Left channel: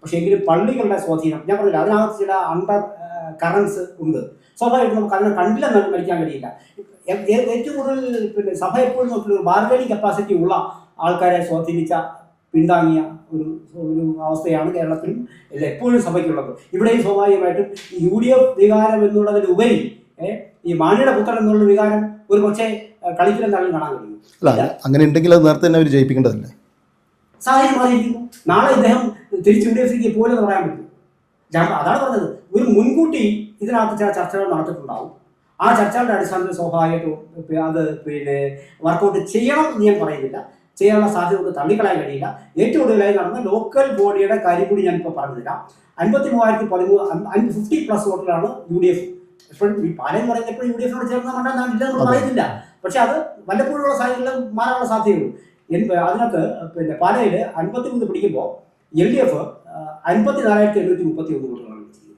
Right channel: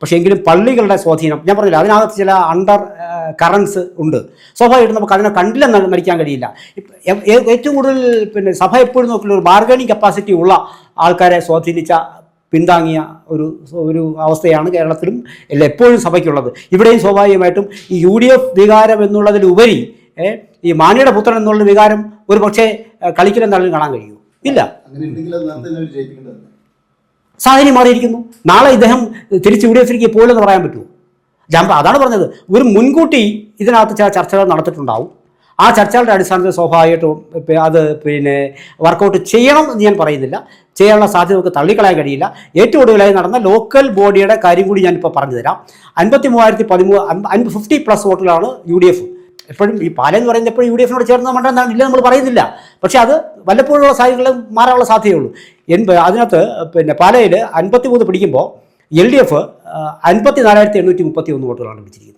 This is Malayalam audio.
പക്ഷേ എങ്കിലും പള്ളികളുടെ സ്വാധീനം ഞാൻ പറഞ്ഞില്ല, അതിനകത്ത് ചില അണ്ടർ കറൻസ് ഉണ്ട്. സ്വാഭാവികമായിട്ടും നമുക്ക് അതിനെ കണ്ടില്ലെന്ന് മരിക്കാൻ കഴിയില്ല. ഏറ്റവും കൂടുതൽ പിന്നെ സഭ എപ്പോഴും നോക്കുന്ന ഒരു ബാർഗനിങ് കപ്പാസിറ്റി ഉള്ള ആൾക്കാരെ സ്വാധീനിച്ച പിന്താങ്ങിയ ഒരു അവസ്ഥയാണ് കേരളത്തിലും എപ്പോഴും സഭയ്ക്കുള്ളത്. ഇവിടെയും സ്വാഭാവികമായിട്ടും ഈ UDF വികാരം എന്നുള്ളതിലുപരി ഈ മാണിയുടെ പുത്രൻ എന്നുള്ള വികാരം ഒരു പക്ഷേ കളിക്കലും തള്ളിലും കാണാൻ കഴിയൂ. ഇല്ല, അങ്ങനെ ഉണ്ടെങ്കിൽ അത് നേരത്തെ തന്നെ അവർ ജയിപ്പിക്കേണ്ടതല്ലേ? സാഹചര്യം മാറിയിരിക്കുന്നു. നാളെ ഇദ്ദേഹം തിരിച്ച് UDFിലേക്ക് പോയില്ലെന്ന് പറയാൻ പറ്റുമോ? അതാണ് പറഞ്ഞത്, ഒരു മുൻകൂട്ടി ഇതിനകത്ത് ചില ചർച്ചകൾ നടത്തിയിട്ടുണ്ടാവും. ആ ചർച്ചകളുടെ അടിസ്ഥാനത്തിൽ സ്വാഭാവികമായിട്ടും അത് പിന്നെ വർക്കൗട്ട് ചെയ്യണം എന്ന് ഞാൻ പറയുന്നില്ല, ചെയ്യാനുള്ള സാധ്യത നമുക്ക് തള്ളിക്കളയാൻ കഴിയില്ല. ഏറ്റവും ഒടുവിലായി നടന്ന ലോക്കൽ ബോഡിയുടെ കാര്യം കൂടി ഞാനിപ്പോൾ പറഞ്ഞു തരാം. 50 വോട്ടിലാണ് UDF. എപ്പോഴും ഈ പാലെന്ന് പറയുന്നത് എപ്പോഴും UDFിനോട് ചേർന്ന മണ്ഡലം ഇല്ല നമ്മൾ പറയുന്നില്ല, പക്ഷേ അത് വല്ലപ്പോഴുള്ള സാഹചര്യങ്ങൾ മാറാനുള്ള സാധ്യതയുള്ളൂ. അതിനകത്ത് പിന്നെ പാലയിൽ 53 പിടിക്കുമ്പോൾ LDF 54,831 വോട്ടുകളാണ് പിടിച്ചിരിക്കുന്നത്.